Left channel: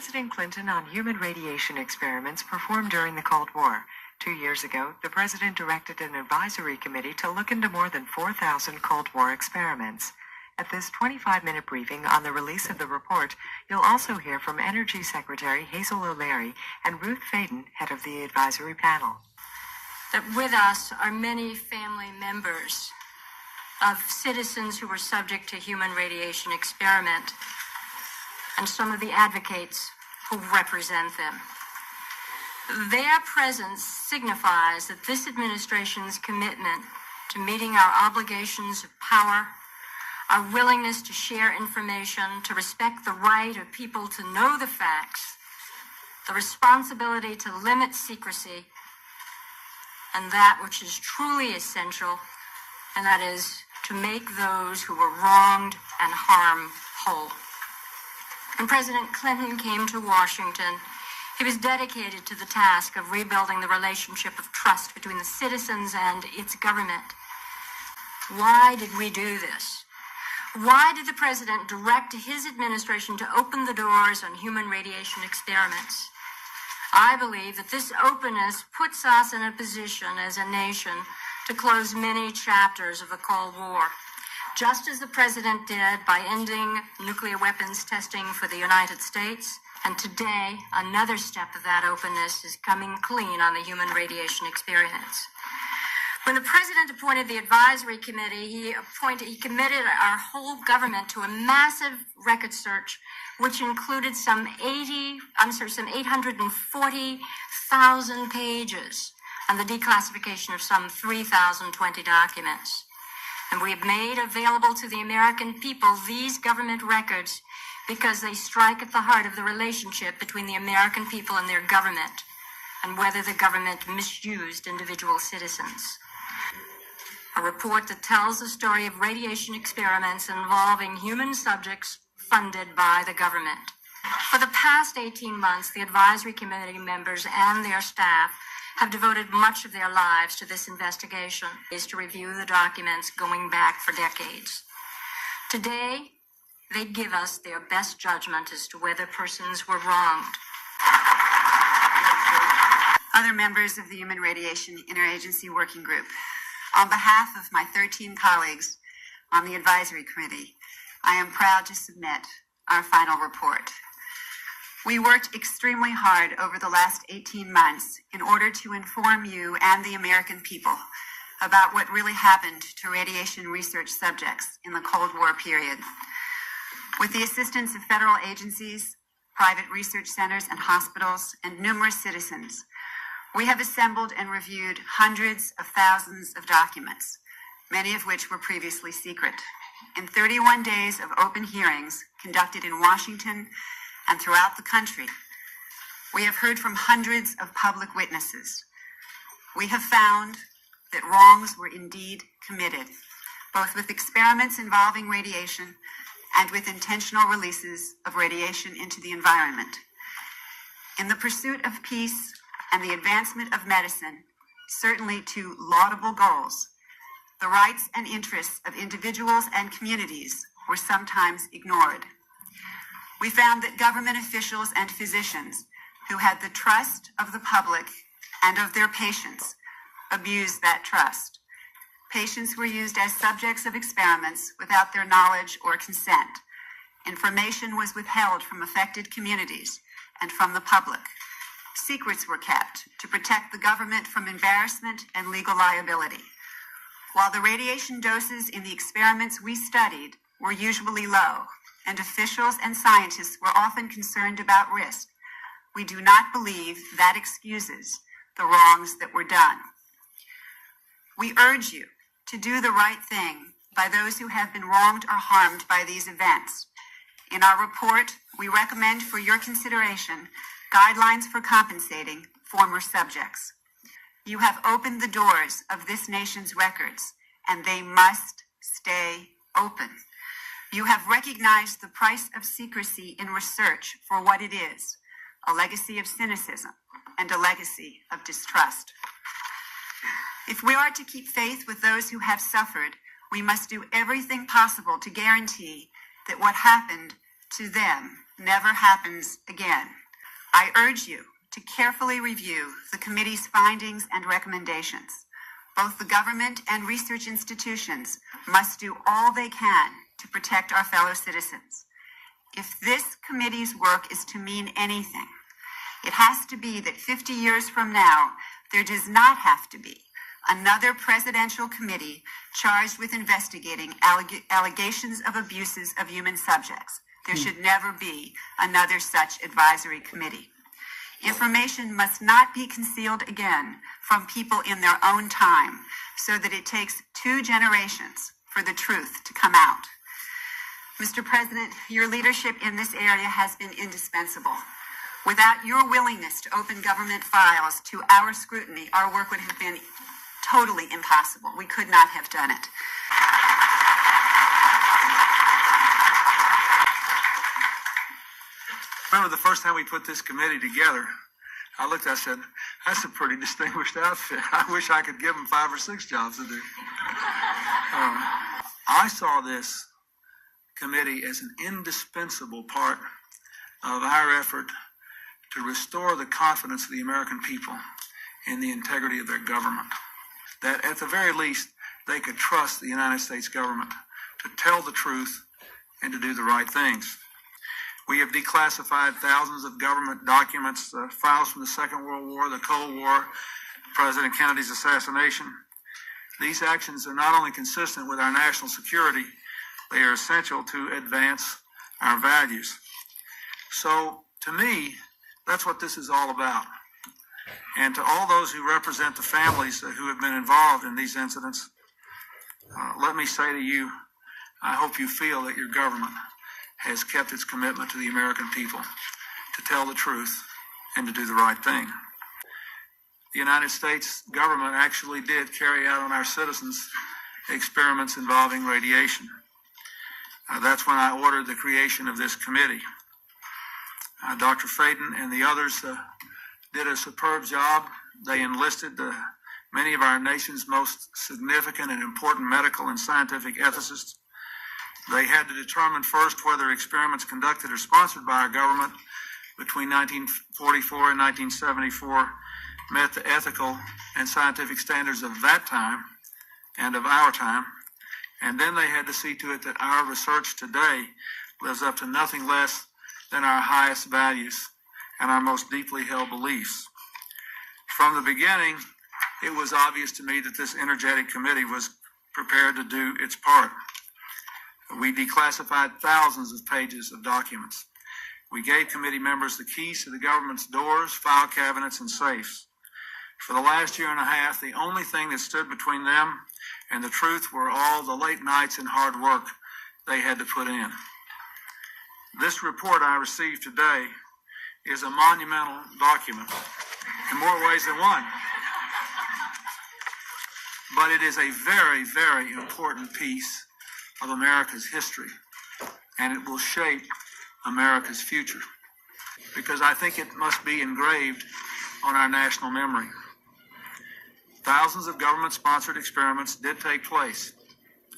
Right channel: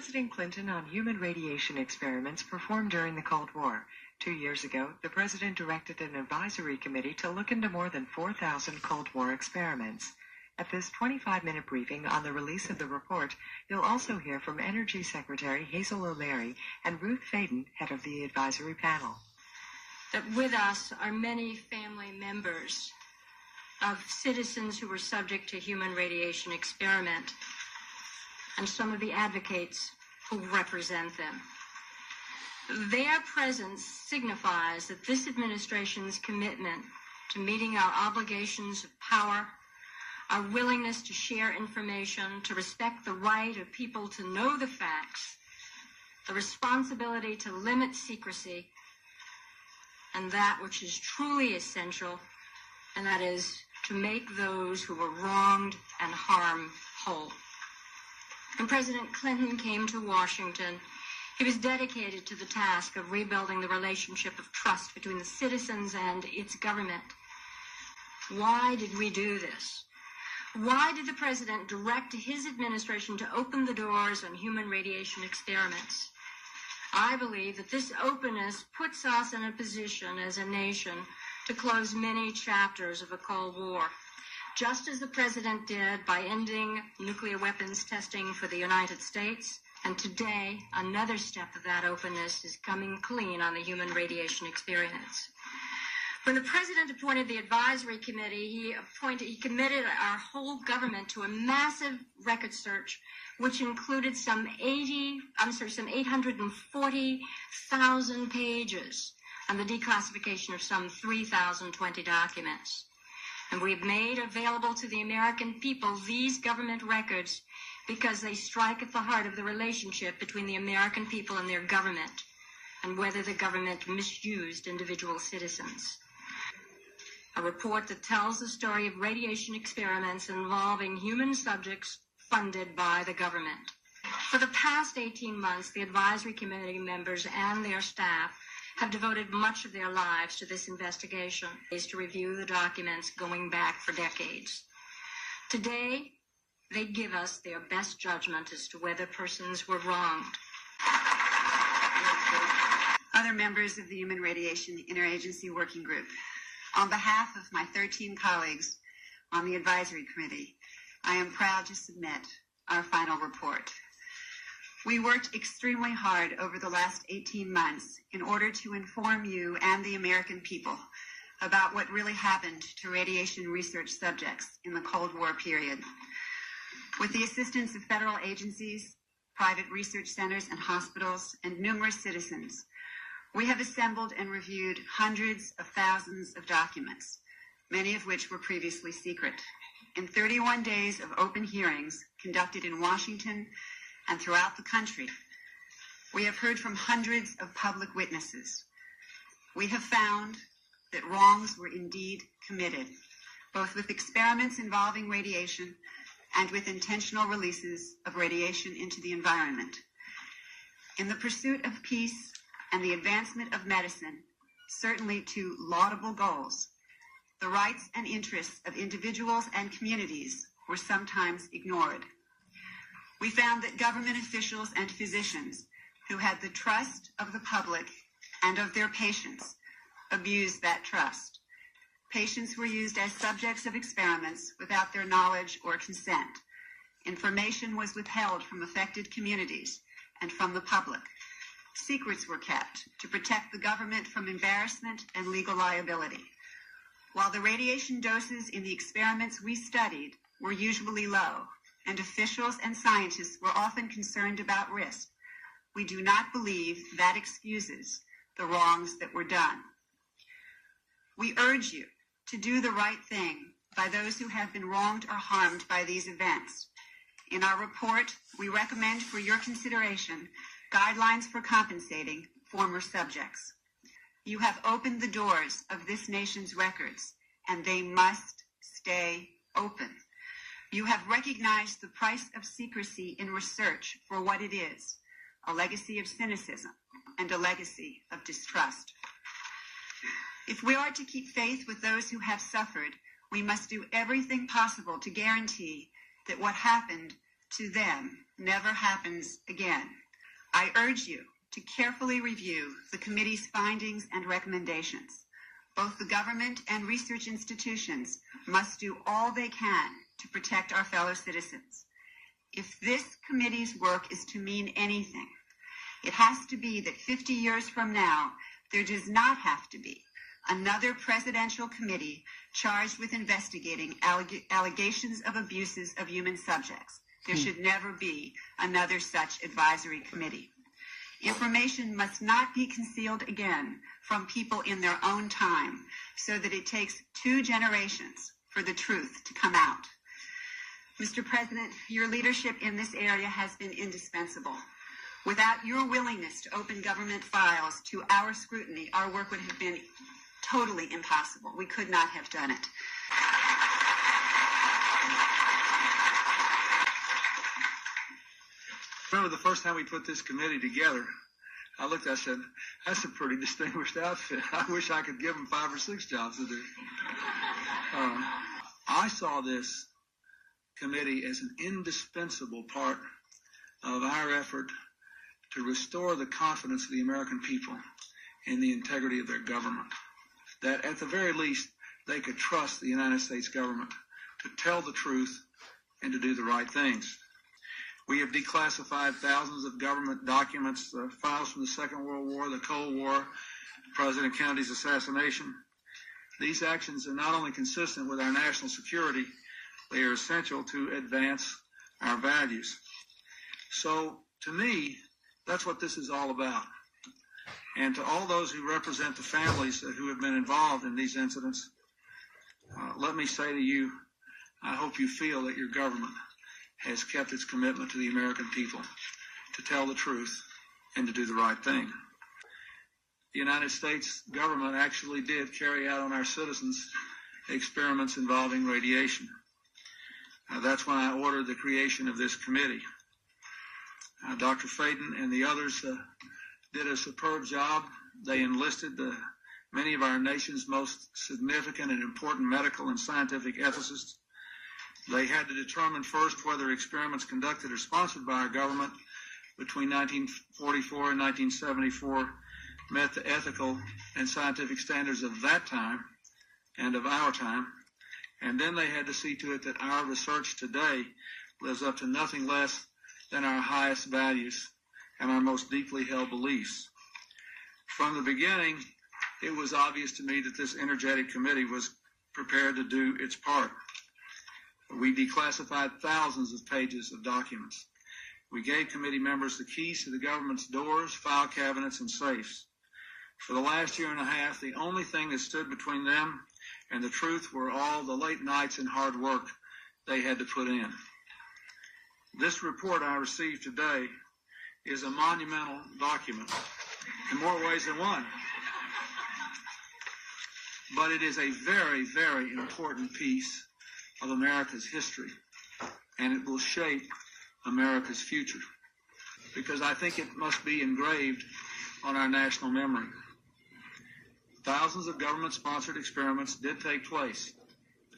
President Clinton on human radiation experiments performed during the Cold War. 2 years ago, the president directed an advisory committee to look into more than 4,000 Cold War experiments. At this 25-minute briefing on the release of the report, you'll also hear from Energy Secretary Hazel O'Leary and Ruth Faden, head of the advisory panel. That with us are many family members of citizens who were subject to human radiation experiment and some of the advocates who represent them. Their presence signifies that this administration's commitment to meeting our obligations of power, our willingness to share information, to respect the right of people to know the facts, the responsibility to limit secrecy, and that which is truly essential, and that is to make those who were wronged and harmed whole. When President Clinton came to Washington, he was dedicated to the task of rebuilding the relationship of trust between the citizens and its government. Why did we do this? Why did the president direct his administration to open the doors on human radiation experiments? I believe that this openness puts us in a position as a nation to close many chapters of the Cold War, just as the president did by ending nuclear weapons testing for the United States. And today, another step of that openness is coming clean on the human radiation experiments. When the president appointed the advisory committee, he committed our whole government to a massive record search, which included some 840,000 pages and the declassification of some 3,020 documents. And we've made available to the American people these government records because they strike at the heart of the relationship between the American people and their government, and whether the government misused individual citizens. A report that tells the story of radiation experiments involving human subjects funded by the government. For the past 18 months, the advisory committee members and their staff have devoted much of their lives to this investigation, is to review the documents going back for decades. Today, they give us their best judgment as to whether persons were wronged. Other members of the Human Radiation Interagency Working Group, on behalf of my 13 colleagues on the advisory committee, I am proud to submit our final report. We worked extremely hard over the last 18 months in order to inform you and the American people about what really happened to radiation research subjects in the Cold War period. With the assistance of federal agencies, private research centers and hospitals, and numerous citizens, we have assembled and reviewed hundreds of thousands of documents, many of which were previously secret, in 31 days of open hearings conducted in Washington and throughout the country. We have heard from hundreds of public witnesses. We have found that wrongs were indeed committed, both with experiments involving radiation and with intentional releases of radiation into the environment. In the pursuit of peace and the advancement of medicine, certainly to laudable goals, the rights and interests of individuals and communities were sometimes ignored. We found that government officials and physicians who had the trust of the public and of their patients abused that trust. Patients were used as subjects of experiments without their knowledge or consent. Information was withheld from affected communities and from the public. Secrets were kept to protect the government from embarrassment and legal liability. While the radiation doses in the experiments we studied were usually low, and officials and scientists were often concerned about risk, we do not believe that excuses the wrongs that were done. We urge you to do the right thing by those who have been wronged or harmed by these events. In our report, we recommend for your consideration guidelines for compensating former subjects. You have opened the doors of this nation's records, and they must stay open. You have recognized the price of secrecy in research for what it is, a legacy of cynicism and a legacy of distrust. If we are to keep faith with those who have suffered, we must do everything possible to guarantee that what happened to them never happens again. I urge you to carefully review the committee's findings and recommendations. Both the government and research institutions must do all they can to protect our fellow citizens. If this committee's work is to mean anything, it has to be that 50 years from now, there does not have to be another presidential committee charged with investigating allegations of abuses of human subjects. There should never be another such advisory committee. Information must not be concealed again from people in their own time, so that it takes 2 generations for the truth to come out. Mr. President, your leadership in this area has been indispensable. Without your willingness to open government files to our scrutiny, our work would have been totally impossible. We could not have done it. Remember the first time we put this committee together, I looked, I said, that's a pretty distinguished outfit. I wish I could give them 5 or 6 jobs to do. I saw this committee as an indispensable part of our effort to restore the confidence of the American people in the integrity of their government. That at the very least, they could trust the United States government to tell the truth and to do the right things. We have declassified thousands of government documents, files from the Second World War, the Cold War, President Kennedy's assassination. These actions are not only consistent with our national security, they are essential to advance our values. So, to me, that's what this is all about. And to all those who represent the families who have been involved in these incidents, let me say to you, I hope you feel that your government has kept its commitment to the American people to tell the truth and to do the right thing. The United States government actually did carry out on our citizens experiments involving radiation. That's when I ordered the creation of this committee. Dr. Fayden and the others did a superb job. They enlisted many of our nation's most significant and important medical and scientific ethicists. They had to determine first whether experiments conducted or sponsored by our government between 1944 and 1974 met the ethical and scientific standards of that time and of our time. And then they had to see to it that our research today lives up to nothing less than our highest values and our most deeply held beliefs. From the beginning, it was obvious to me that this energetic committee was prepared to do its part. We declassified thousands of pages of documents. We gave committee members the keys to the government's doors, file cabinets, and safes. For the last year and a half, the only thing that stood between them and the truth were all the late nights and hard work they had to put in. This report I received today is a monumental document in more ways than one. But it is a very, very important piece of America's history, and it will shape America's future, because I think it must be engraved on our national memory. Thousands of government-sponsored experiments did take place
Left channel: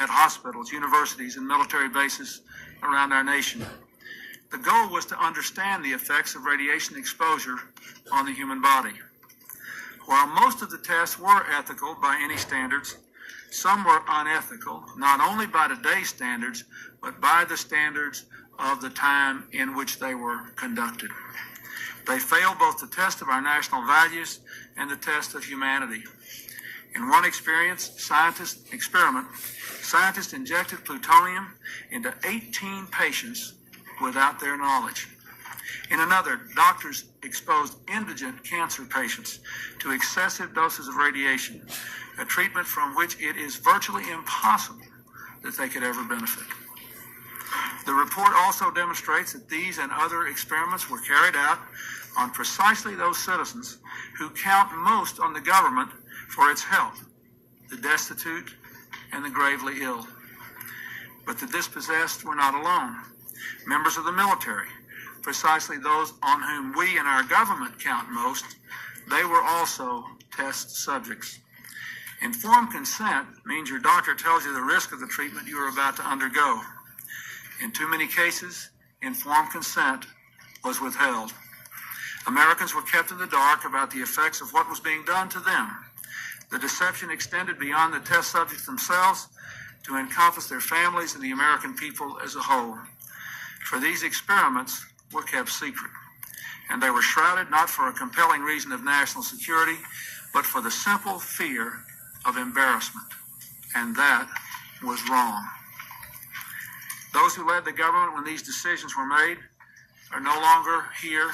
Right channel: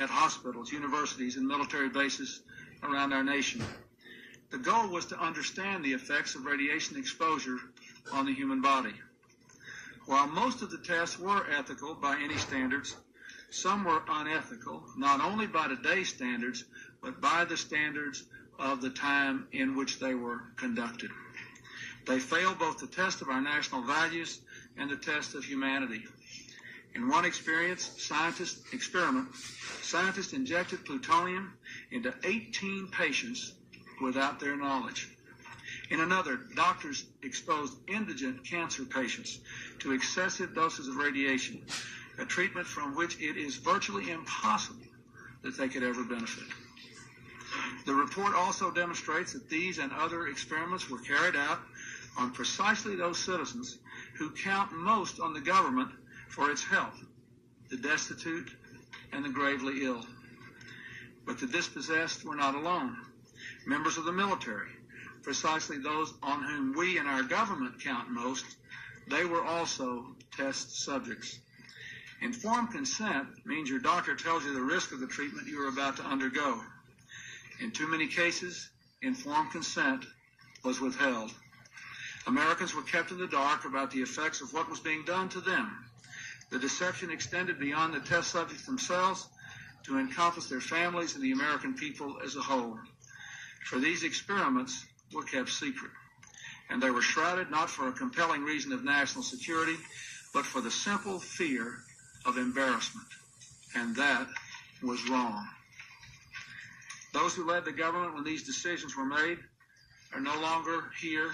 at hospitals, universities, and military bases around our nation. The goal was to understand the effects of radiation exposure on the human body. While most of the tests were ethical by any standards, some were unethical, not only by today's standards, but by the standards of the time in which they were conducted. They failed both the test of our national values and the test of humanity. In one scientist injected plutonium into 18 patients without their knowledge. In another, doctors exposed indigent cancer patients to excessive doses of radiation, a treatment from which it is virtually impossible that they could ever benefit. The report also demonstrates that these and other experiments were carried out on precisely those citizens who count most on the government for its help, the destitute and the gravely ill. But the dispossessed were not alone. Members of the military, precisely those on whom we and our government count most, they were also test subjects. Informed consent means your doctor tells you the risk of the treatment you are about to undergo. In too many cases, informed consent was withheld. Americans were kept in the dark about the effects of what was being done to them. The deception extended beyond the test subjects themselves to encompass their families and the American people as a whole. For these experiments were kept secret, and they were shrouded not for a compelling reason of national security, but for the simple fear of embarrassment. And that was wrong. Those who led the government when these decisions were made are no longer here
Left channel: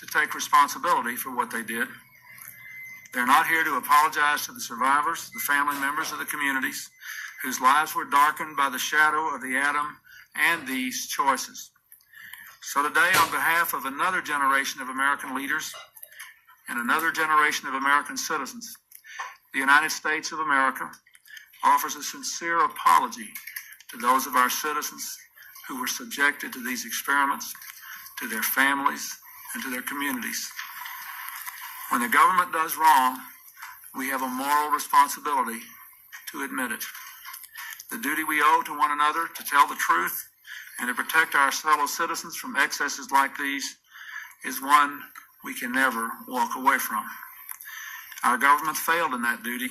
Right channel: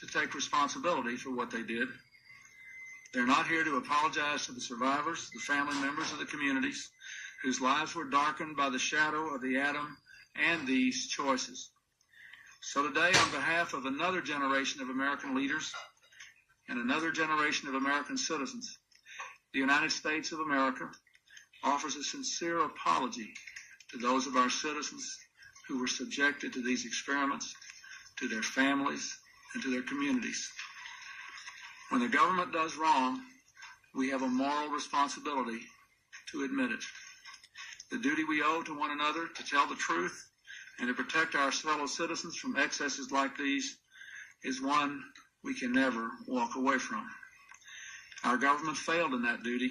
to take responsibility for what they did. They're not here to apologize to the survivors, the family members of the communities whose lives were darkened by the shadow of the atom and these choices. So today, on behalf of another generation of American leaders and another generation of American citizens, the United States of America offers a sincere apology to those of our citizens who were subjected to these experiments, to their families, and to their communities. When the government does wrong, we have a moral responsibility to admit it. The duty we owe to one another to tell the truth and to protect our fellow citizens from excesses like these is one we can never walk away from. Our government failed in that duty,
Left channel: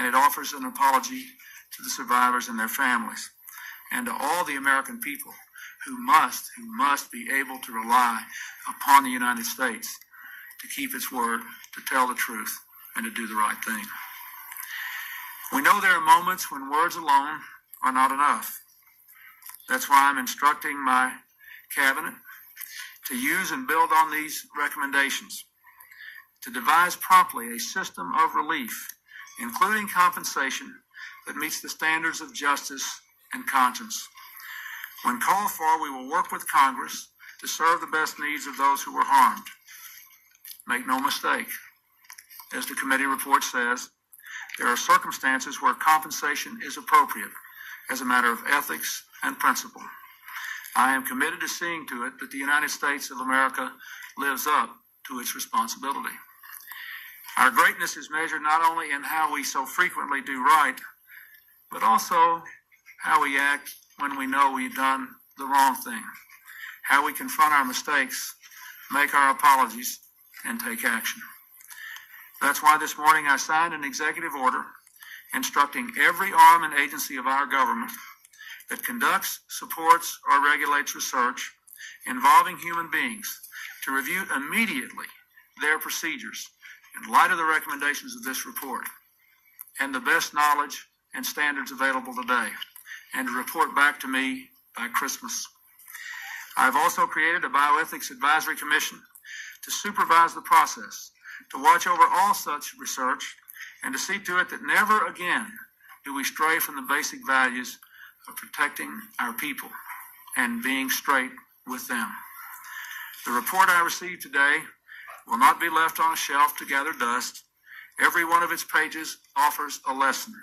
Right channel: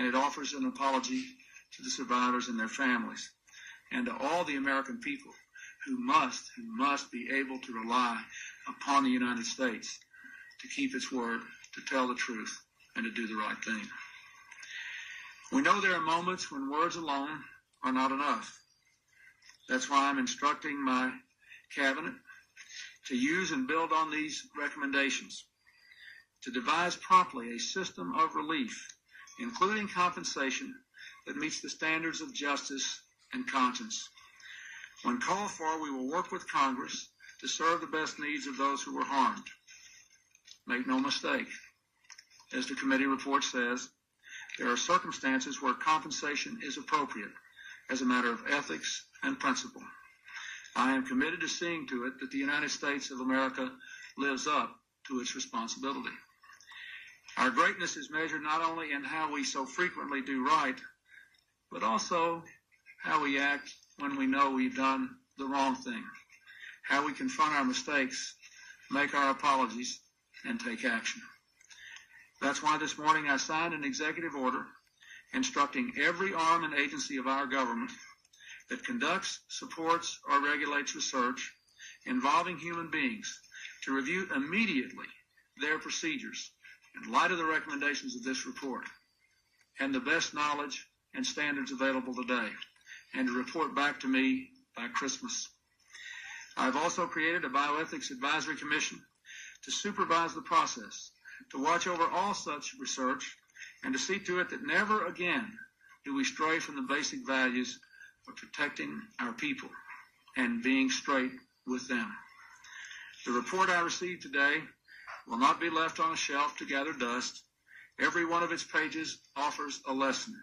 and it offers an apology to the survivors and their families, and to all the American people who must be able to rely upon the United States to keep its word, to tell the truth, and to do the right thing. We know there are moments when words alone are not enough. That's why I'm instructing my cabinet to use and build on these recommendations, to devise promptly a system of relief, including compensation that meets the standards of justice and conscience. When called for, we will work with Congress to serve the best needs of those who were harmed. Make no mistake, as the committee report says, there are circumstances where compensation is appropriate as a matter of ethics and principle. I am committed to seeing to it that the United States of America lives up to its responsibility. Our greatness is measured not only in how we so frequently do right, but also how we act when we know we've done the wrong thing, how we confront our mistakes, make our apologies, and take action. That's why this morning I signed an executive order instructing every arm and agency of our government that conducts, supports, or regulates research involving human beings to review immediately their procedures in light of the recommendations of this report and the best knowledge and standards available today, and to report back to me by Christmas. I've also created a Bioethics Advisory Commission to supervise the process, to watch over all such research, and to see to it that never again do we stray from the basic values of protecting our people and being straight with them. The report I received today will not be left on a shelf to gather dust. Every one of its pages offers a lesson.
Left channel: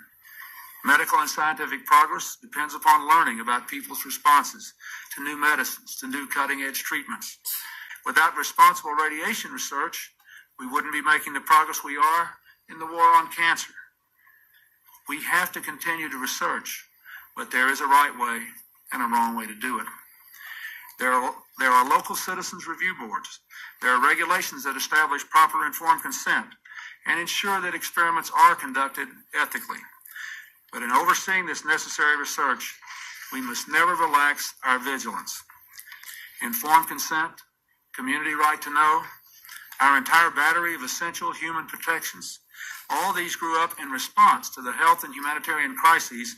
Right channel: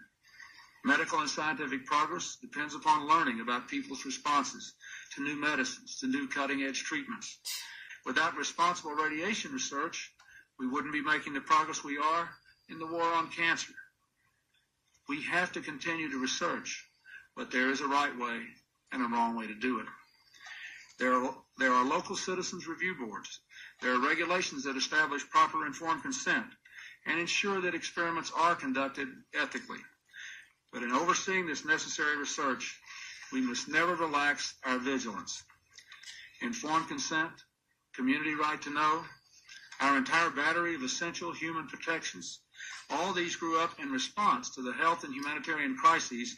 Medical and scientific progress depends upon learning about people's responses to new medicines, to new cutting-edge treatments. Without responsible radiation research, we wouldn't be making the progress we are in the war on cancer. We have to continue to research, but there is a right way and a wrong way to do it. There are local citizens review boards. There are regulations that establish proper informed consent and ensure that experiments are conducted ethically. But in overseeing this necessary research, we must never relax our vigilance. Informed consent, community right to know, our entire battery of essential human protections, all these grew up in response to the health and humanitarian crises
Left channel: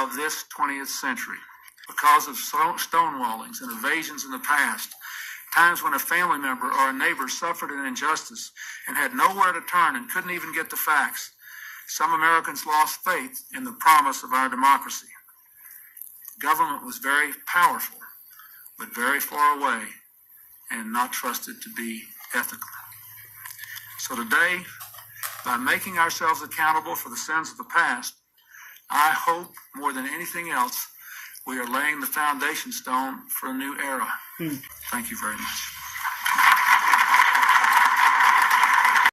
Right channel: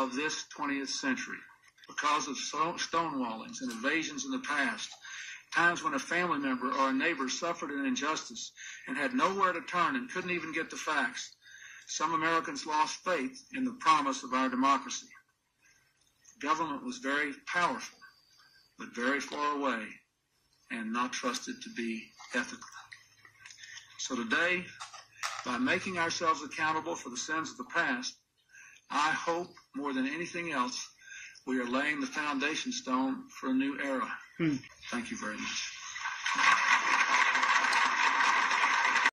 of this 20th century. Because of stonewallings and evasions in the past, times when a family member or a neighbor suffered an injustice and had nowhere to turn and couldn't even get the facts, some Americans lost faith in the promise of our democracy. Government was very powerful, but very far away and not trusted to be ethical. So today, by making ourselves accountable for the sins of the past, I hope more than anything else, we are laying the foundation stone for a new era. Thank you very much.